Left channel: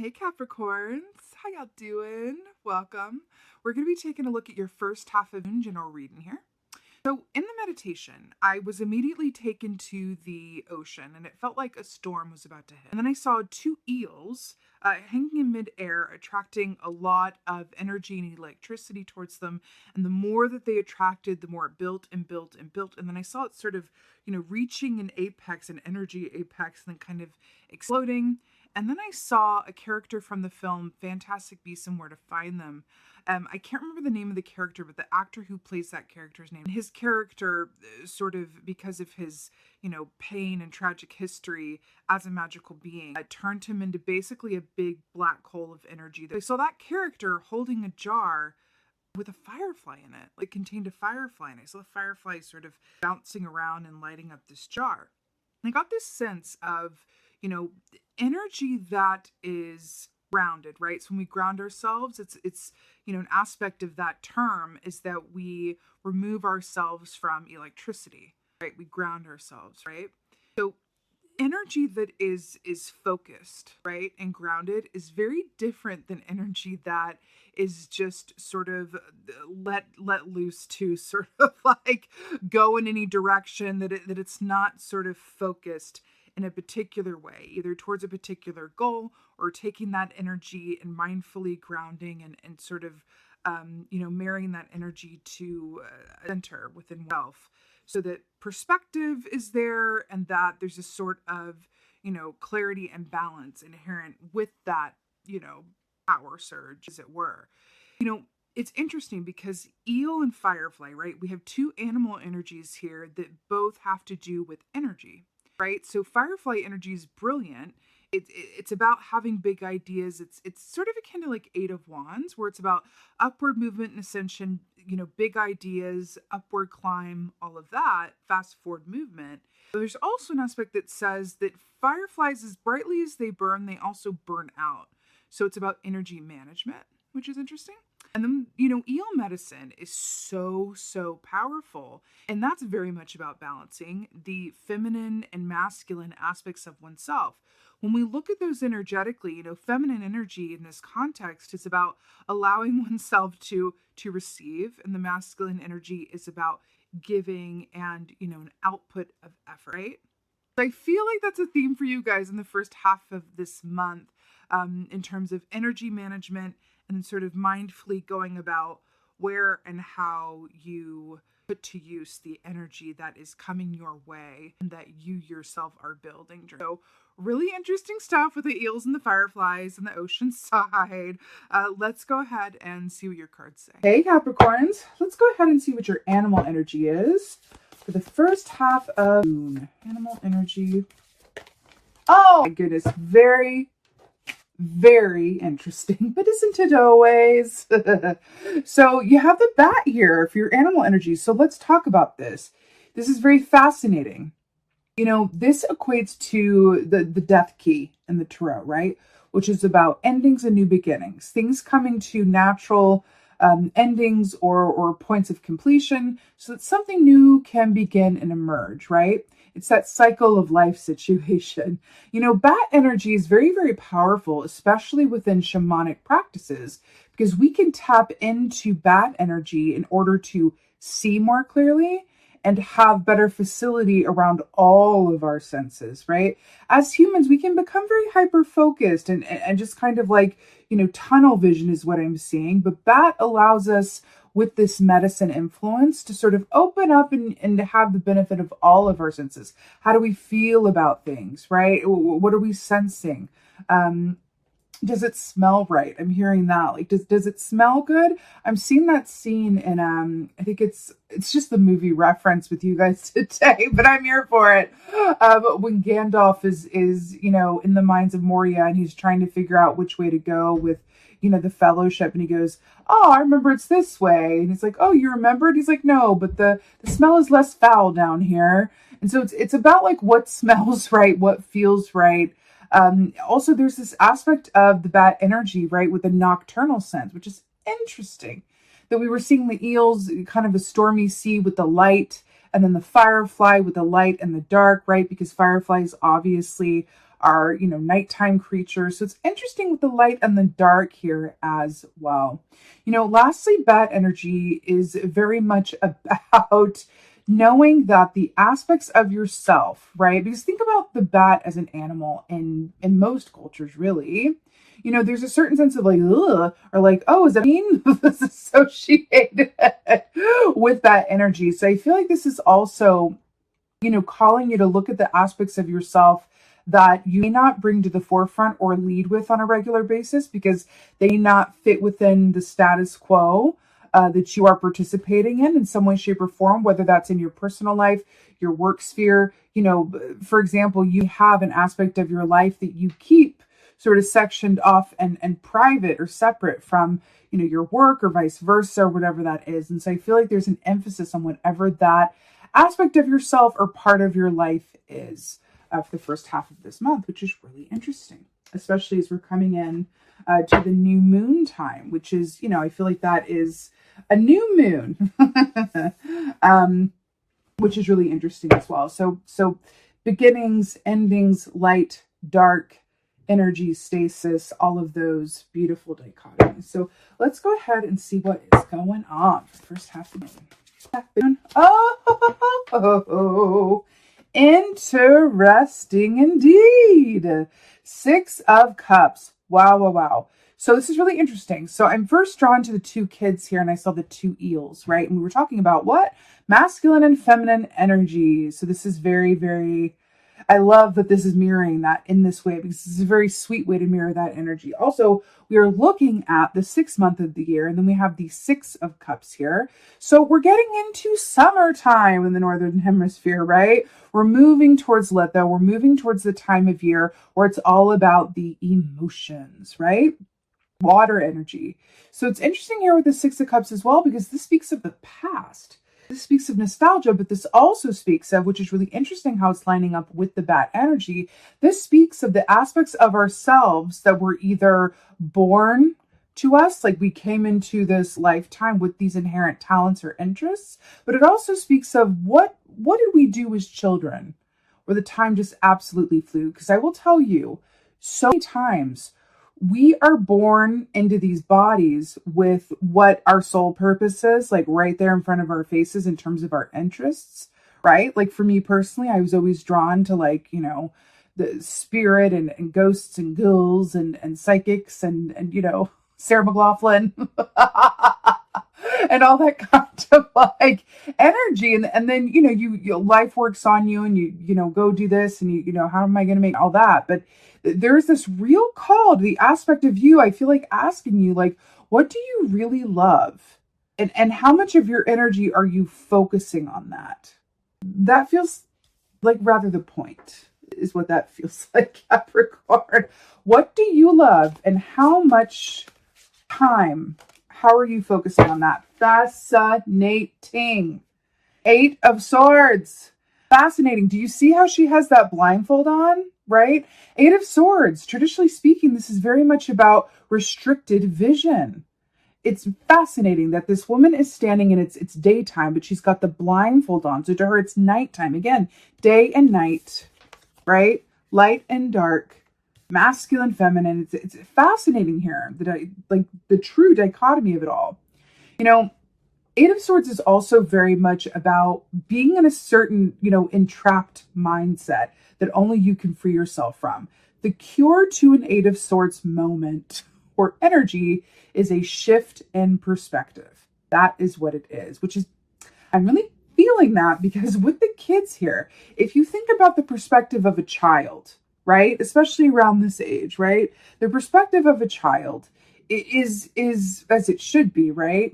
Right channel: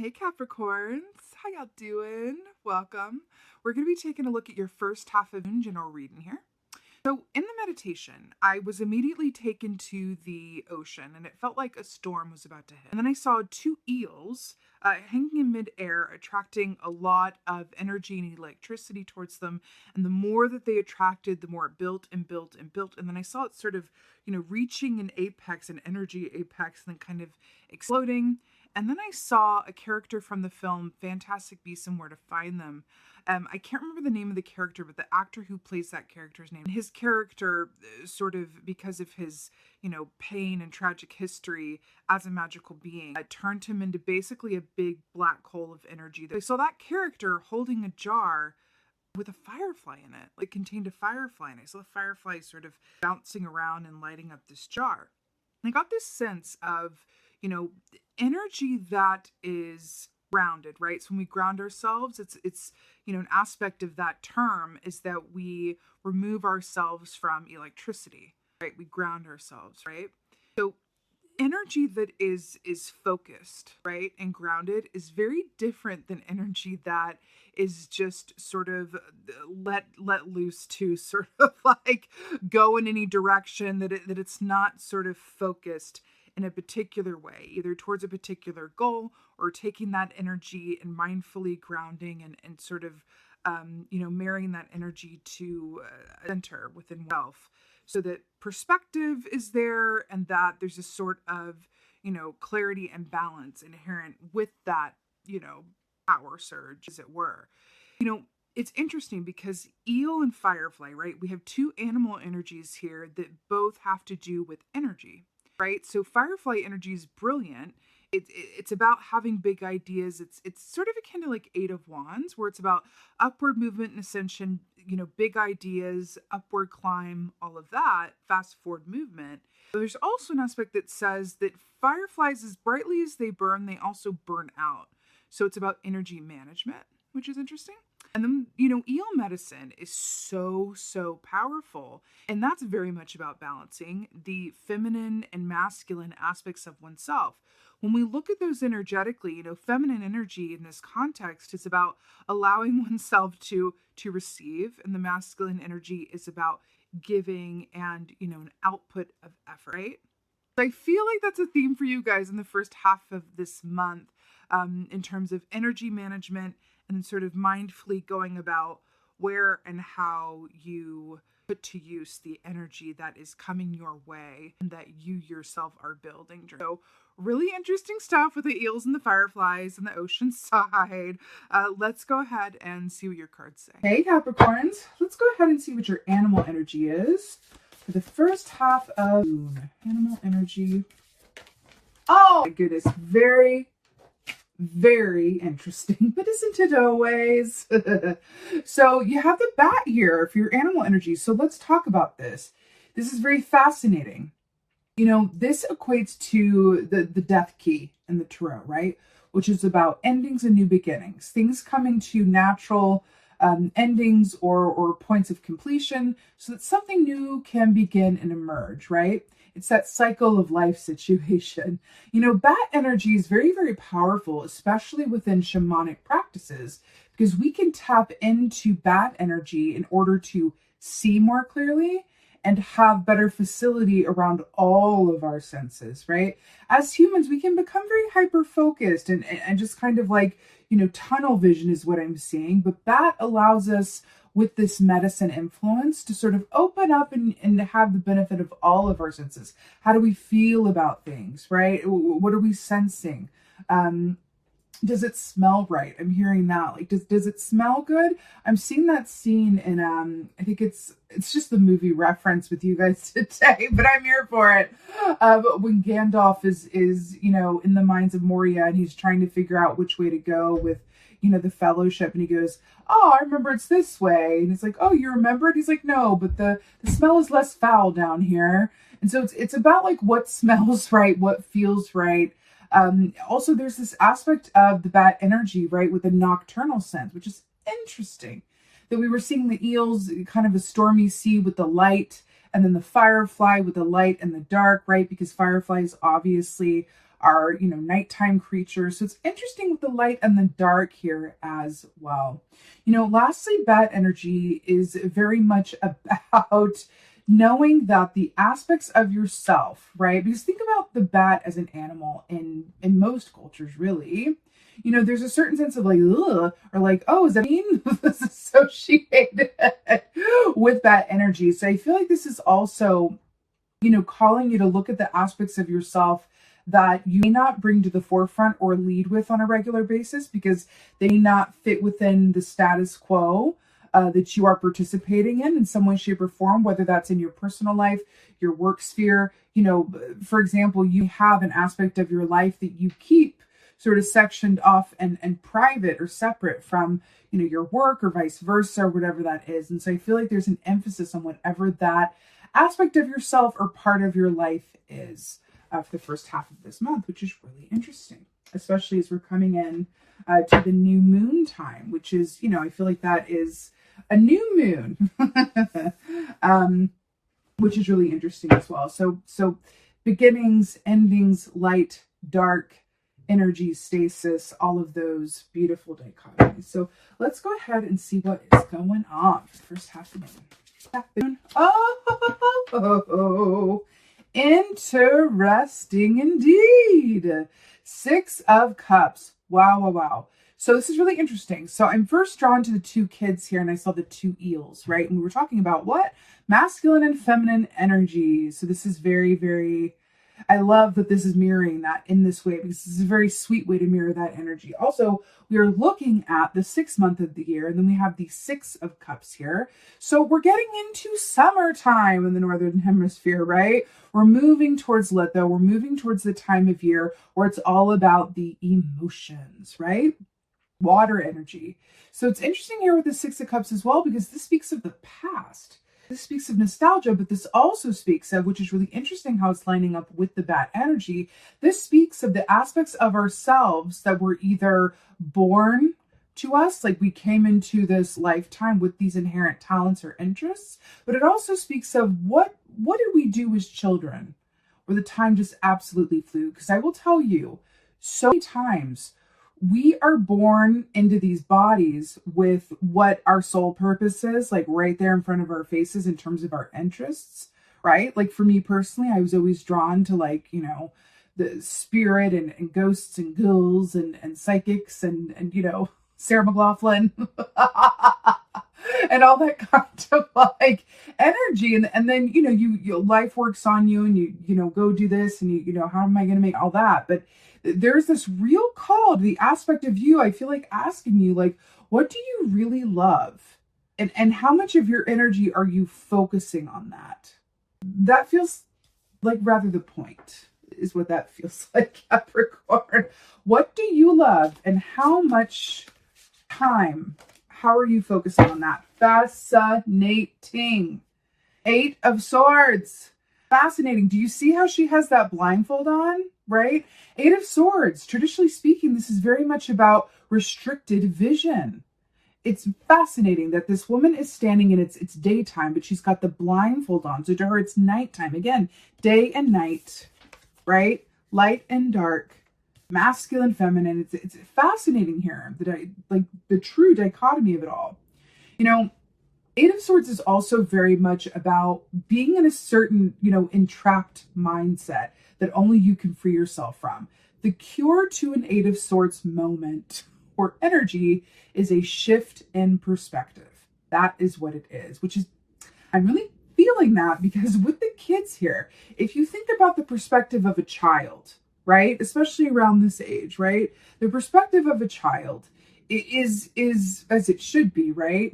Hey Capricorns, how y'all doing? Welcome. We're going to be taking a look at your first half of June general reading here. So in the meditation, I was immediately taken to the ocean and it felt like a storm was about to hit. And then I saw two eels hanging in midair, attracting a lot of energy and electricity towards them. And the more that they attracted, the more it built and built and built. And then I saw it sort of, reaching an apex, an energy apex, and then kind of exploding. And then I saw a character from the film Fantastic Beasts and Where to Find Them. I can't remember the name of the character, but the actor who plays that character's name. His character, sort of because of his, pain and tragic history as a magical being, turned him into basically a big black hole of energy. I saw that character holding a jar with a firefly in it. It contained a firefly, and I saw the firefly sort of bouncing around and lighting up this jar. And I got this sense of, energy that is grounded, right? So when we ground ourselves, it's an aspect of that term is that we remove ourselves from electricity, right? We ground ourselves, right? So energy that is focused, right, and grounded is very different than energy that is just sort of let loose to sort of like go in any direction, that it's not sort of focused in a particular way, either towards a particular goal or taking that energy and mindfully grounding and sort of, marrying that energy to a center within self, so that perspective is there and that there's a sort of, clarity and balance inherent with that, power surge, as it were. It's interesting because eel and firefly, right? We have two animal energies here that both have to do with energy. Right? So firefly energy is brilliant. It's about having big ideas. It's sort of akin to like Eight of Wands, where it's about upward movement and ascension, big ideas, upward climb, all of that, fast forward movement. But there's also an aspect that says that fireflies, as brightly as they burn, they also burn out. So it's about energy management, which is interesting. And then, eel medicine is so powerful. And that's very much about balancing the feminine and masculine aspects of oneself. When we look at those energetically, feminine energy in this context is about allowing oneself to receive. And the masculine energy is about giving and, an output of effort, right? I feel like that's a theme for you guys in the first half of this month, in terms of energy management and sort of mindfully going about where and how you put to use the energy that is coming your way and that you yourself are building. So really interesting stuff with the eels and the fireflies and the ocean side. Let's go ahead and see what your cards say. Hey Capricorns, let's go ahead and see what your animal energy is for the first half of June. Animal energy. Oh my goodness, very interesting, but isn't it always? So you have the bat here for your animal energy. So let's talk about this. This is very fascinating. This equates to the death key in the tarot, right? Which is about endings and new beginnings, things coming to natural endings or points of completion so that something new can begin and emerge, right? It's that cycle of life situation. Bat energy is very powerful, especially within shamanic practices, because we can tap into bat energy in order to see more clearly and have better facility around all of our senses, right? As humans, we can become very hyper-focused and just kind of like, tunnel vision is what I'm seeing. But bat allows us, with this medicine influence, to sort of open up and have the benefit of all of our senses. How do we feel about things, right? What are we sensing? Does it smell right? I'm hearing that. Like, does it smell good? I'm seeing that scene in, I think it's just the movie reference with you guys today, but I'm here for it. When Gandalf is, in the mines of Moria and he's trying to figure out which way to go with, the fellowship, and he goes, oh, I remember it's this way. And he's like, oh, you remembered? He's like, no, but the smell is less foul down here. And so it's about like what smells right, what feels right. Also, there's this aspect of the bat energy, right, with the nocturnal sense, which is interesting. That we were seeing the eels, kind of a stormy sea with the light, and then the firefly with the light and the dark, right? Because fireflies obviously are, you know, nighttime creatures. So it's interesting with the light and the dark here as well. You know, lastly, bat energy is very much about knowing that the aspects of yourself, right? Because think about the bat as an animal in most cultures, really. You know, there's a certain sense of like, ugh, or like, oh, is that mean? This is associated with that energy. So I feel like this is also, you know, calling you to look at the aspects of yourself that you may not bring to the forefront or lead with on a regular basis because they not fit within the status quo that you are participating in some way, shape, or form, whether that's in your personal life, your work sphere. You know, for example, you have an aspect of your life that you keep sort of sectioned off and private or separate from, you know, your work or vice versa, or whatever that is. And so I feel like there's an emphasis on whatever that aspect of yourself or part of your life is for the first half of this month, which is really interesting, especially as we're coming in to the new moon time, which is, you know, I feel like that is a new moon, which is really interesting as well. So beginnings, endings, light, dark, energy, stasis, all of those beautiful dichotomies. So let's go ahead and see what is going on for the first half of the moon. Oh, interesting indeed. 6 of Cups. Wow, wow, wow. So this is really interesting. So I'm first drawn to the 2 kids here, and I saw the 2 eels, right? And we were talking about what? Masculine and feminine energy. So this is very, very, I love that this is mirroring that in this way, because this is a very sweet way to mirror that energy. Also, we are looking at the 6th month of the year, and then we have the 6 of Cups here. So we're getting into summertime in the Northern Hemisphere, right? We're moving towards Litho. We're moving towards the time of year where it's all about the emotions, right? Water energy. So it's interesting here with the 6 of Cups as well, because this speaks of the past. This speaks of nostalgia, but this also speaks of, which is really interesting how it's lining up with the bat energy, this speaks of the aspects of ourselves that were either born to us, like we came into this lifetime with these inherent talents or interests, but it also speaks of what did we do as children, where the time just absolutely flew. Because I will tell you, so many times we are born into these bodies with what our soul purpose is, like right there in front of our faces in terms of our interests, right? Like for me personally, I was always drawn to, like, you know, the spirit and ghosts and ghouls and psychics and you know, Sarah McLachlan and all that kind of like energy. And then, you know, you life works on you and you know, go do this and you know, how am I going to make all that? But there's this real call to the aspect of you, I feel like, asking you, like, what do you really love? And how much of your energy are you focusing on that? That feels like rather the point, is what that feels like, Capricorn. What do you love and how much time, how are you focusing on that? Fascinating. 8 of Swords. Fascinating. Do you see how she has that blindfold on? Right? 8 of Swords. Traditionally speaking, this is very much about restricted vision. It's fascinating that this woman is standing in it's daytime, but she's got the blindfold on. So to her, it's nighttime. Again, day and night, right? Light and dark, masculine, feminine. It's fascinating here. Like the true dichotomy of it all. You know, 8 of Swords is also very much about being in a certain, you know, entrapped mindset that only you can free yourself from. The cure to an 8 of Swords moment or energy is a shift in perspective. That is what it is, which is, I'm really feeling that because with the kids here, if you think about the perspective of a child, right, especially around this age, right, the perspective of a child is as it should be, right?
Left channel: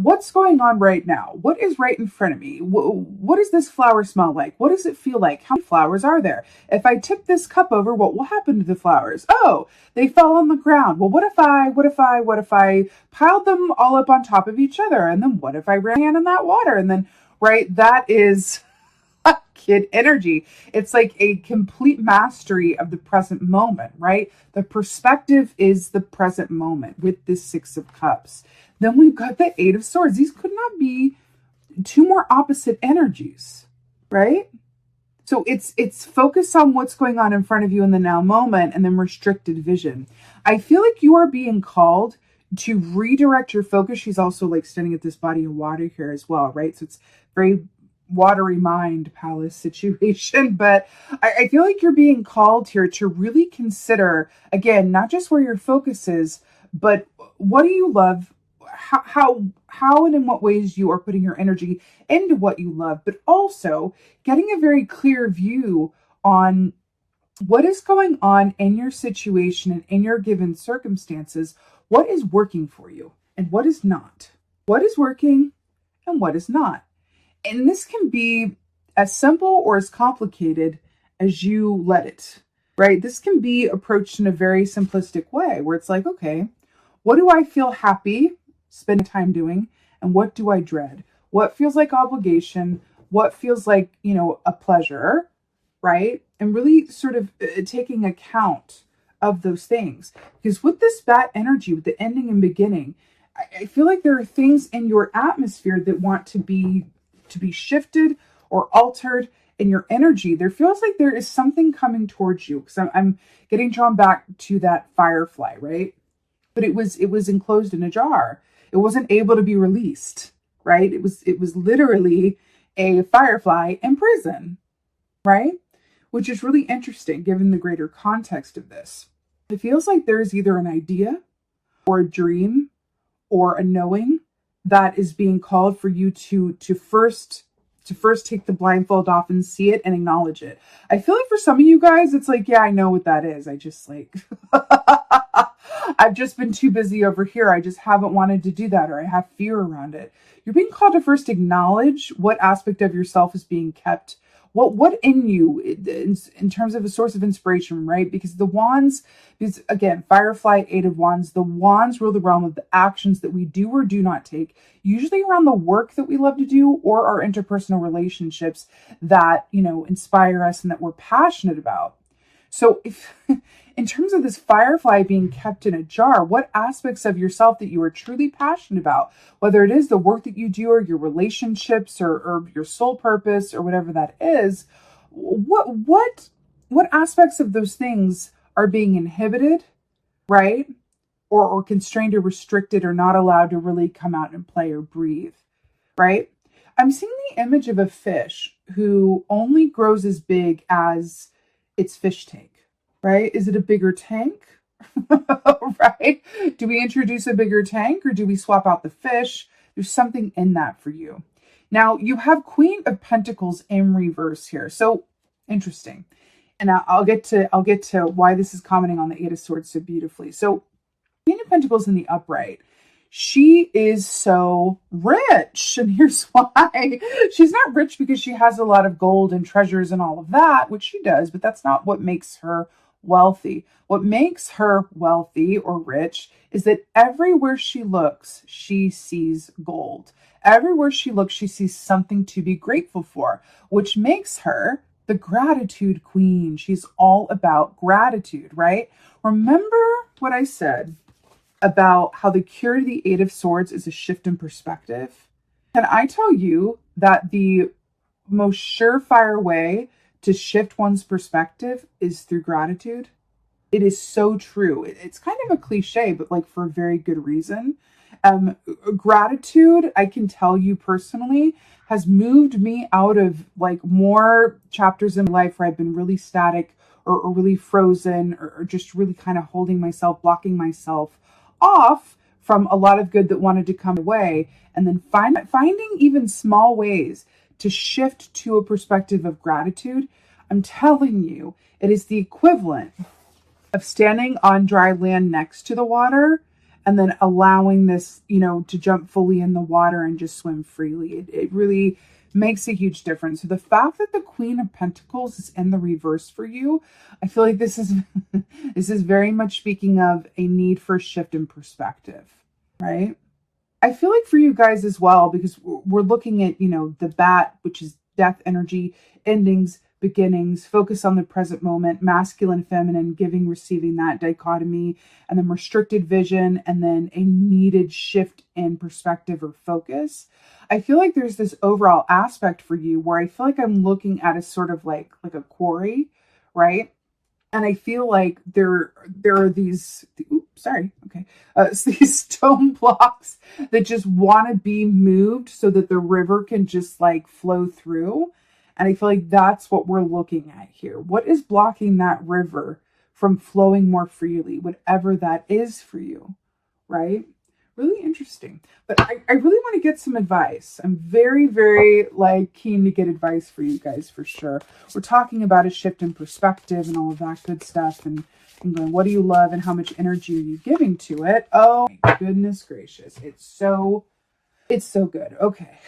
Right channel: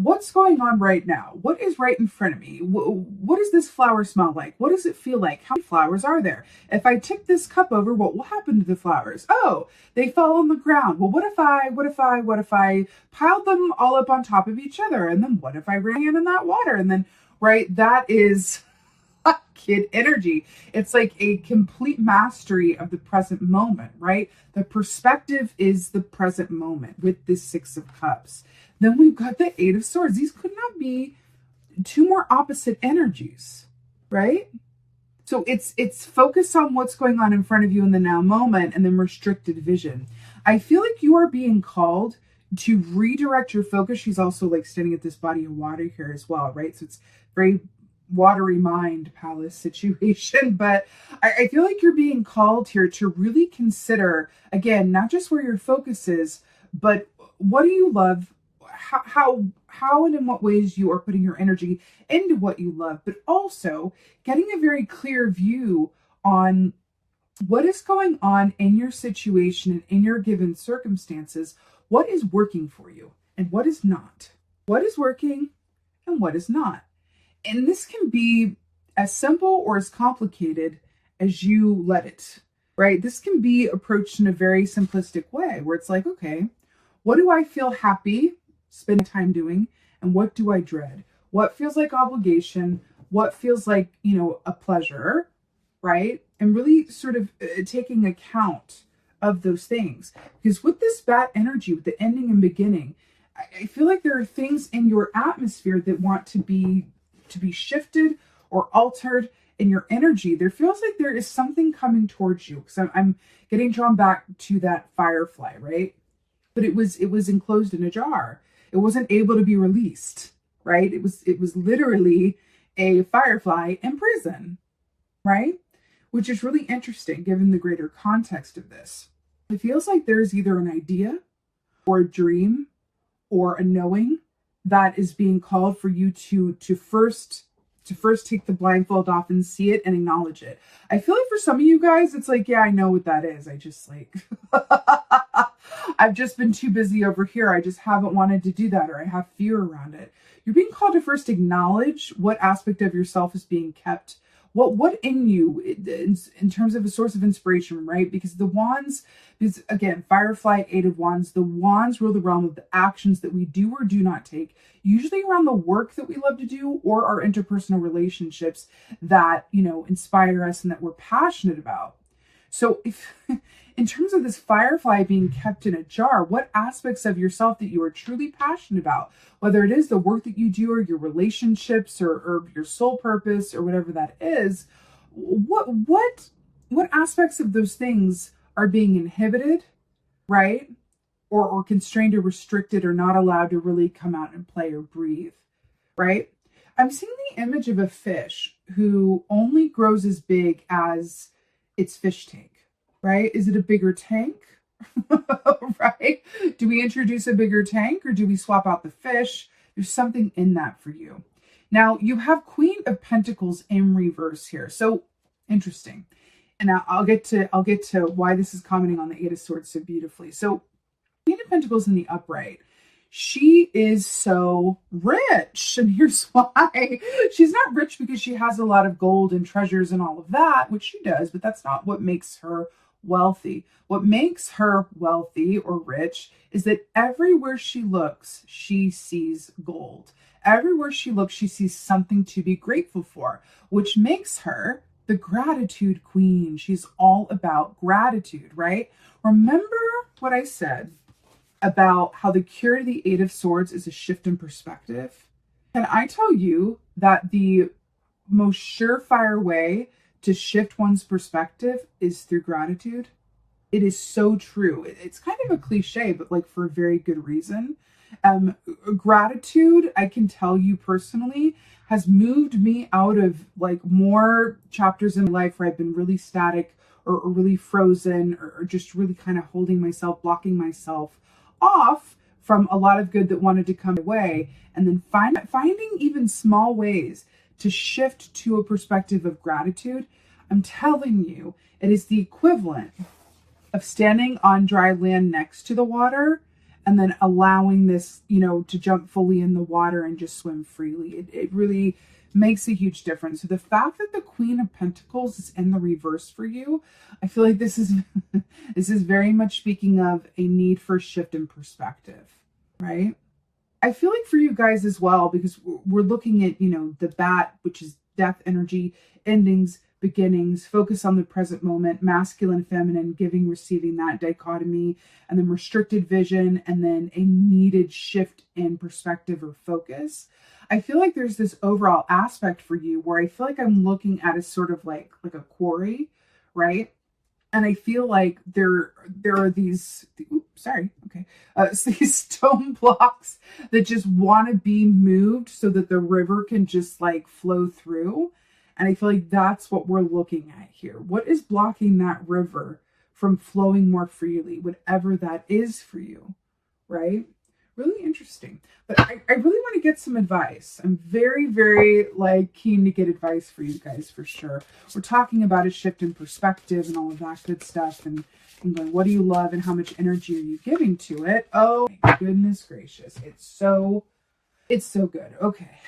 What's going on right now? What is right in front of me? What does this flower smell like? What does it feel like? How many flowers are there? If I tip this cup over, what will happen to the flowers? Oh, they fell on the ground. Well, what if I piled them all up on top of each other? And then what if I ran in that water? And then, right, that is kid energy. It's like a complete mastery of the present moment, right? The perspective is the present moment with this 6 of Cups. Then we've got the 8 of Swords. These could not be 2 more opposite energies, right? So it's focused on what's going on in front of you in the now moment, and then restricted vision. I feel like you are being called to redirect your focus. She's also like standing at this body of water here as well, right? So it's very watery mind palace situation. But I feel like you're being called here to really consider, again, not just where your focus is, but what do you love? How and in what ways you are putting your energy into what you love, but also getting a very clear view on what is going on in your situation and in your given circumstances. What is working for you and what is not? What is working and what is not? And this can be as simple or as complicated as you let it, right? This can be approached in a very simplistic way where it's like, okay, what do I feel happy spending time doing? And what do I dread? What feels like obligation? What feels like, a pleasure, right? And really sort of taking account of those things. Because with this bat energy, with the ending and beginning, I feel like there are things in your atmosphere that want to be shifted or altered in your energy. There feels like there is something coming towards you. Because I'm getting drawn back to that firefly, right? But it was enclosed in a jar. It wasn't able to be released, right? It was literally a firefly in prison, right? Which is really interesting given the greater context of this. It feels like there is either an idea or a dream or a knowing that is being called for you to first take the blindfold off and see it and acknowledge it. I feel like for some of you guys, it's like, yeah, I know what that is. I just like, I've just been too busy over here. I just haven't wanted to do that, or I have fear around it. You're being called to first acknowledge what aspect of yourself is being kept. What in you in terms of a source of inspiration, right? Because the wands, because again, Firefly, Eight of Wands, the wands rule the realm of the actions that we do or do not take, usually around the work that we love to do or our interpersonal relationships that, inspire us and that we're passionate about. So if in terms of this firefly being kept in a jar, what aspects of yourself that you are truly passionate about, whether it is the work that you do or your relationships or your soul purpose or whatever that is, what aspects of those things are being inhibited, right? Or constrained or restricted or not allowed to really come out and play or breathe, right? I'm seeing the image of a fish who only grows as big as its fish tank, right? Is it a bigger tank? Right? Do we introduce a bigger tank or do we swap out the fish? There's something in that for you. Now you have Queen of Pentacles in reverse here. So interesting. And I'll get to why this is commenting on the Eight of Swords so beautifully. So Queen of Pentacles in the upright. She is so rich. And here's why. She's not rich because she has a lot of gold and treasures and all of that, which she does, but that's not what makes her wealthy. What makes her wealthy or rich is that everywhere she looks, she sees gold. Everywhere she looks, she sees something to be grateful for, which makes her the gratitude queen. She's all about gratitude, right? Remember what I said about how the cure to the Eight of Swords is a shift in perspective? Can I tell you that the most surefire way to shift one's perspective is through gratitude? It is so true. It's kind of a cliche, but like for a very good reason. Gratitude, I can tell you personally, has moved me out of like more chapters in life where I've been really static or really frozen or just really kind of holding myself, blocking myself off from a lot of good that wanted to come away, and then finding even small ways to shift to a perspective of gratitude. I'm telling you, it is the equivalent of standing on dry land next to the water and then allowing this, to jump fully in the water and just swim freely. It really makes a huge difference. So the fact that the Queen of Pentacles is in the reverse for you, I feel like this is very much speaking of a need for a shift in perspective, right? I feel like for you guys as well, because we're looking at, the bat, which is death energy, endings, beginnings, focus on the present moment, masculine, feminine, giving, receiving, that dichotomy, and then restricted vision, and then a needed shift in perspective or focus. I feel like there's this overall aspect for you where I feel like I'm looking at a sort of like a quarry, right? And I feel like there are these, oops, sorry, okay, these stone blocks that just want to be moved so that the river can just like flow through. And I feel like that's what we're looking at here. What is blocking that river from flowing more freely, whatever that is for you, right? Really interesting. But I really want to get some advice. I'm very, very like keen to get advice for you guys for sure. We're talking about a shift in perspective and all of that good stuff, and going, what do you love and how much energy are you giving to it? Oh my goodness gracious. It's so good. Okay.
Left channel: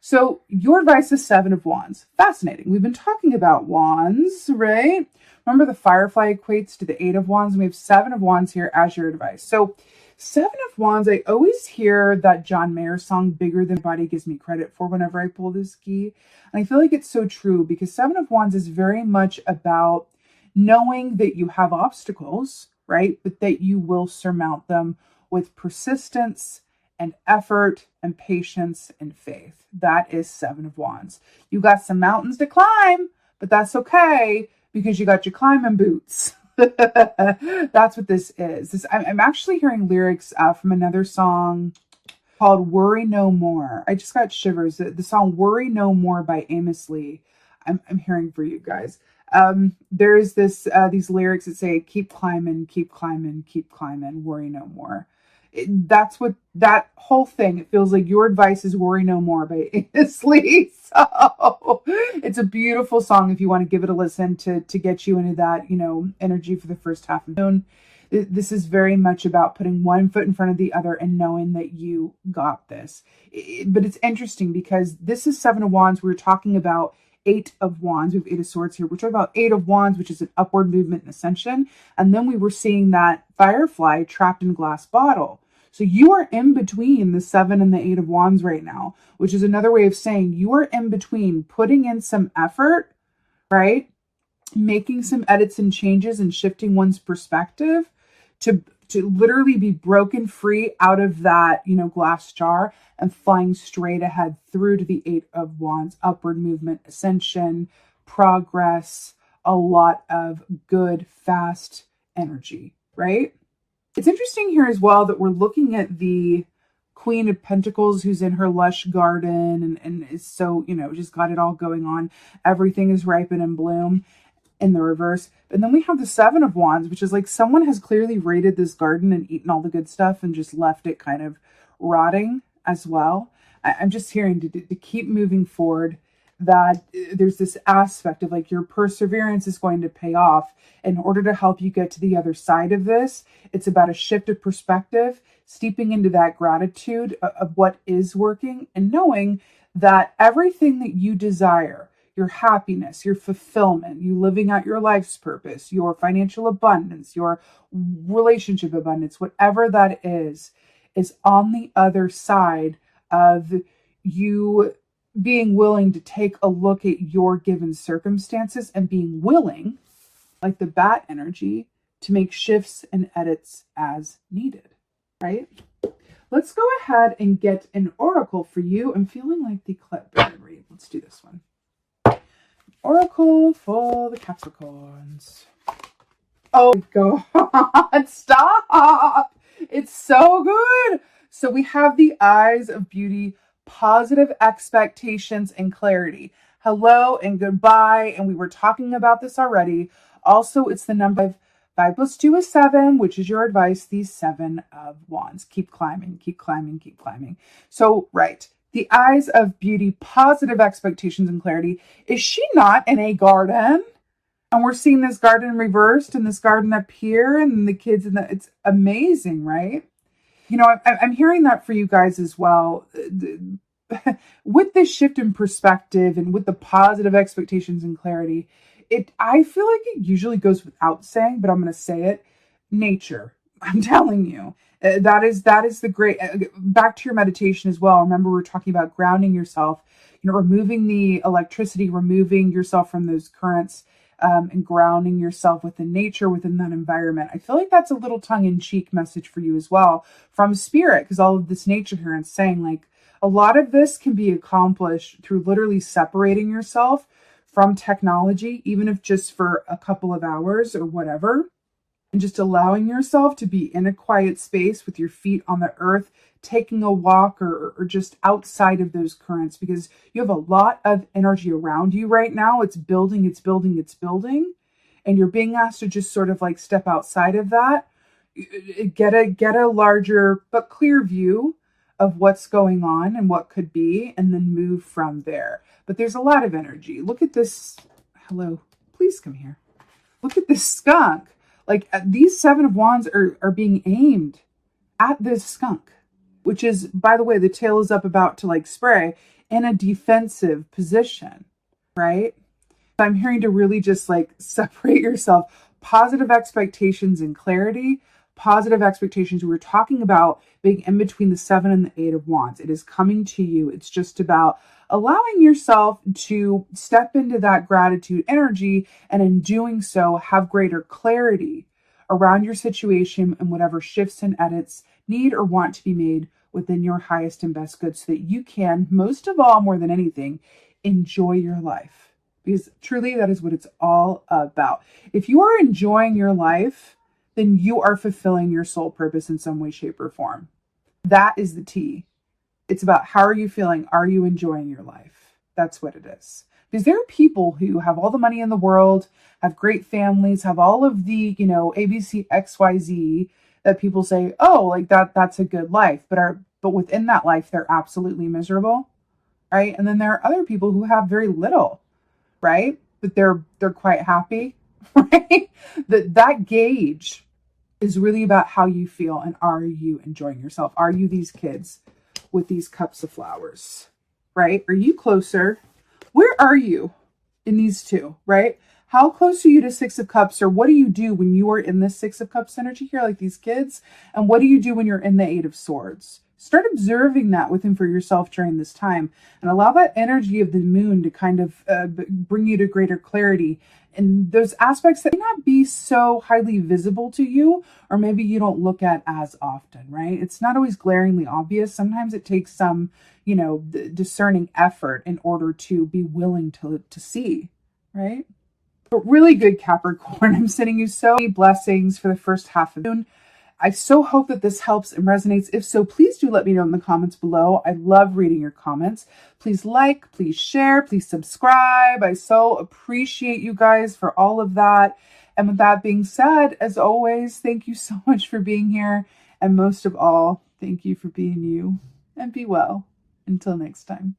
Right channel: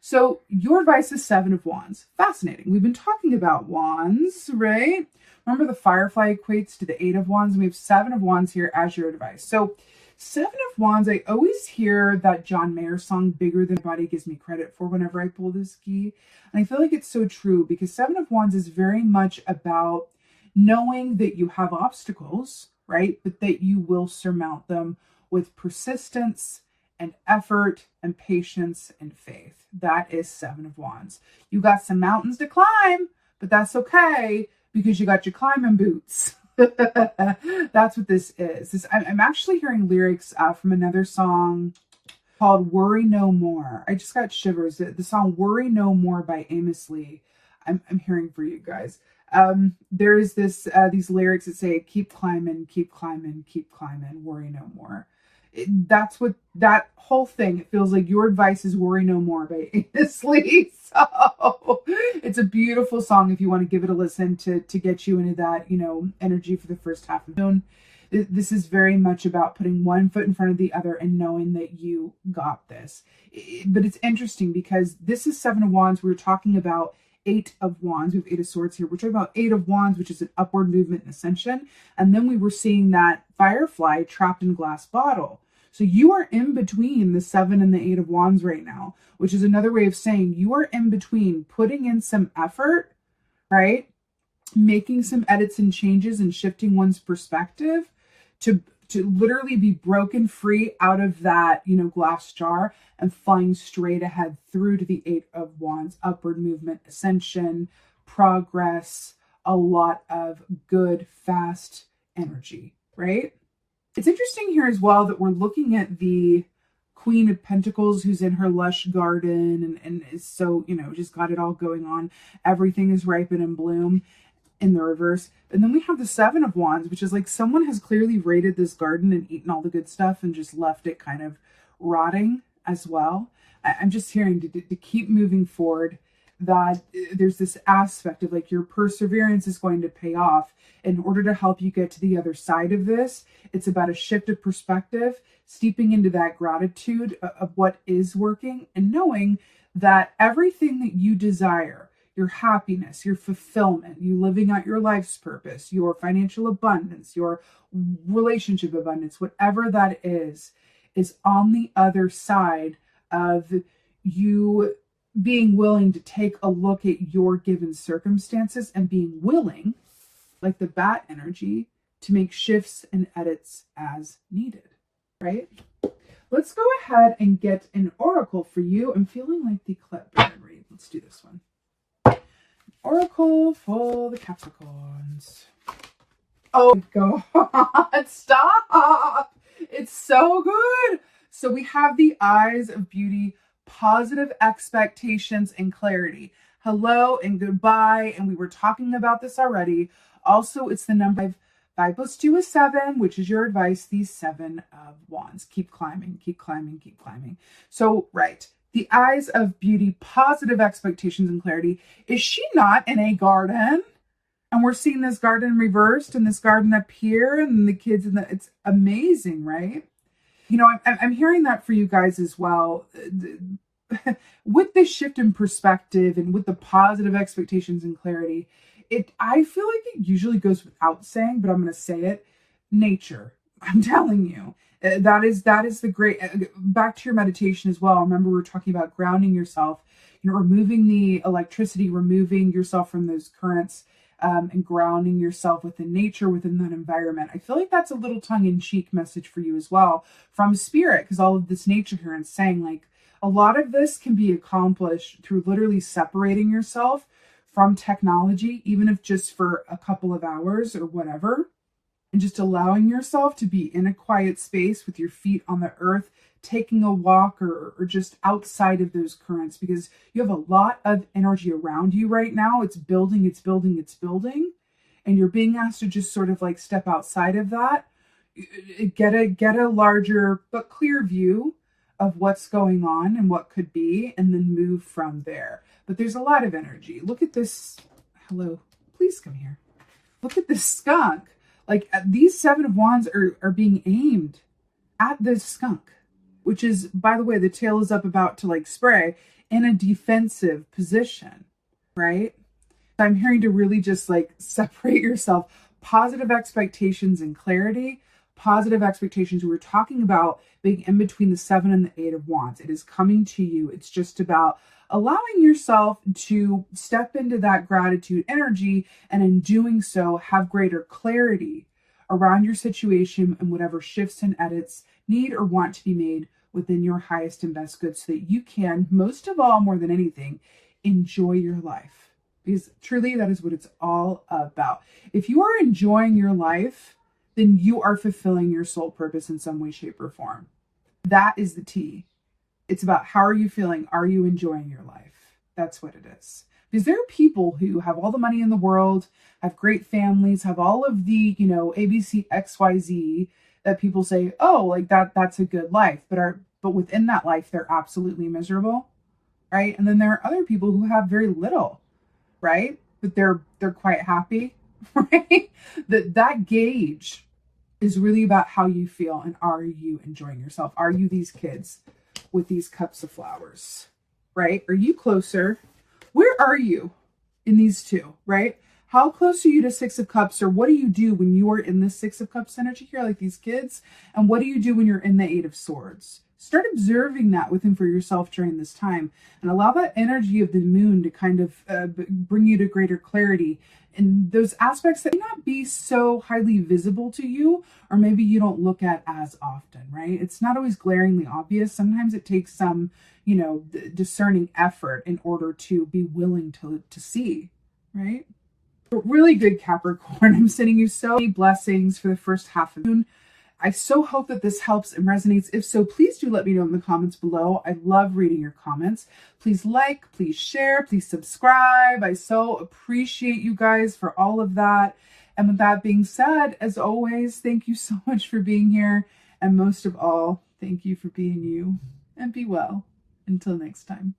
So your advice is Seven of Wands. Fascinating. We've been talking about wands, right? Remember the firefly equates to the Eight of Wands. We have Seven of Wands here as your advice. So Seven of Wands, I always hear that John Mayer song, Bigger Than Body Gives Me Credit For, whenever I pull this key. And I feel like it's so true because Seven of Wands is very much about knowing that you have obstacles, right? But that you will surmount them with persistence and effort and patience and faith. That is Seven of Wands. You got some mountains to climb, but that's okay because you got your climbing boots. That's what this is. I'm actually hearing lyrics from another song called Worry No More. I just got shivers. The song Worry No More by Amos Lee. I'm hearing for you guys. There's these lyrics that say, keep climbing, keep climbing, keep climbing, worry no more. That's what that whole thing, it feels like your advice is Worry No More by Amos Lee. So it's a beautiful song if you want to give it a listen to get you into that, energy for the first half of June. This is very much about putting one foot in front of the other and knowing that you got this. But it's interesting because this is Seven of Wands. We're talking about Eight of Wands. We have Eight of Swords here. We're talking about Eight of Wands, which is an upward movement and ascension. And then we were seeing that firefly trapped in a glass bottle. So you are in between the Seven and the Eight of Wands right now, which is another way of saying you are in between putting in some effort, right? Making some edits and changes and shifting one's perspective to literally be broken free out of that, glass jar and flying straight ahead through to the Eight of Wands, upward movement, ascension, progress, a lot of good, fast energy, right? It's interesting here as well that we're looking at the Queen of Pentacles who's in her lush garden and is so, just got it all going on. Everything is ripe and in bloom in the reverse. And then we have the Seven of Wands, which is like someone has clearly raided this garden and eaten all the good stuff and just left it kind of rotting as well. I'm just hearing to keep moving forward, that there's this aspect of like your perseverance is going to pay off. In order to help you get to the other side of this, it's about a shift of perspective, steeping into that gratitude of what is working and knowing that everything that you desire, your happiness, your fulfillment, you living out your life's purpose, your financial abundance, your relationship abundance, whatever that is on the other side of you being willing to take a look at your given circumstances and being willing, like the bat energy, to make shifts and edits as needed, right? Let's go ahead and get an oracle for you. I'm feeling like the clipboard read. Let's do this one. Oracle for the Capricorns. Oh God, stop. It's so good. So we have the Eyes of Beauty, positive expectations and clarity. Hello and goodbye. And we were talking about this already. Also, it's the number 5 plus 2 is 7, which is your advice. These Seven of Wands. Keep climbing, keep climbing, keep climbing. So, right. The Eyes of Beauty, positive expectations and clarity. Is she not in a garden? And we're seeing this garden reversed and this garden up here and the kids in the, it's amazing, right? I'm hearing that for you guys as well. With this shift in perspective and with the positive expectations and clarity, I feel like it usually goes without saying, but I'm going to say it. Nature. I'm telling you, that is the great, back to your meditation as well. Remember, we're talking about grounding yourself, removing the electricity, removing yourself from those currents, and grounding yourself within nature, within that environment. I feel like that's a little tongue-in-cheek message for you as well from spirit, because all of this nature here is saying like, A lot of this can be accomplished through literally separating yourself from technology, even if just for a couple of hours or whatever, and just allowing yourself to be in a quiet space with your feet on the earth, taking a walk or just outside of those currents, because you have a lot of energy around you right now. It's building, it's building, it's building. And you're being asked to just sort of like step outside of that, get a larger but clear view of what's going on and what could be, and then move from there. But there's a lot of energy. Look at this. Hello, please come here. Look at this skunk. Like these Seven of Wands are being aimed at this skunk, which is, by the way, the tail is up about to like spray, in a defensive position, right? I'm hearing to really just like separate yourself. Positive expectations and clarity, positive expectations. We were talking about being in between the 7 and the 8 of Wands. It is coming to you. It's just about allowing yourself to step into that gratitude energy, and in doing so, have greater clarity around your situation and whatever shifts and edits need or want to be made within your highest and best good, so that you can, most of all, more than anything, enjoy your life. Because truly, that is what it's all about. If you are enjoying your life, then you are fulfilling your soul purpose in some way, shape, or form. That is the T. It's about, how are you feeling? Are you enjoying your life? That's what it is. Because there are people who have all the money in the world, have great families, have all of the, ABC, XYZ, that people say, oh, like that's a good life. But within that life, they're absolutely miserable, right? And then there are other people who have very little, right? But they're quite happy, right? That gauge is really about how you feel, and are you enjoying yourself? Are you these kids with these cups of flowers, right? Are you closer? Where are you in these two, right? How close are you to 6 of Cups, or what do you do when you are in the 6 of Cups energy here, like these kids? And what do you do when you're in the 8 of Swords? Start observing that within for yourself during this time, and allow that energy of the moon to kind of bring you to greater clarity and those aspects that may not be so highly visible to you, or maybe you don't look at as often, right? It's not always glaringly obvious. Sometimes it takes some, discerning effort in order to be willing to see, right? But really good, Capricorn. I'm sending you so many blessings for the first half of June. I so hope that this helps and resonates. If so, please do let me know in the comments below. I love reading your comments. Please like, please share, please subscribe. I so appreciate you guys for all of that. And with that being said, as always, thank you so much for being here. And most of all, thank you for being you. And be well. Until next time.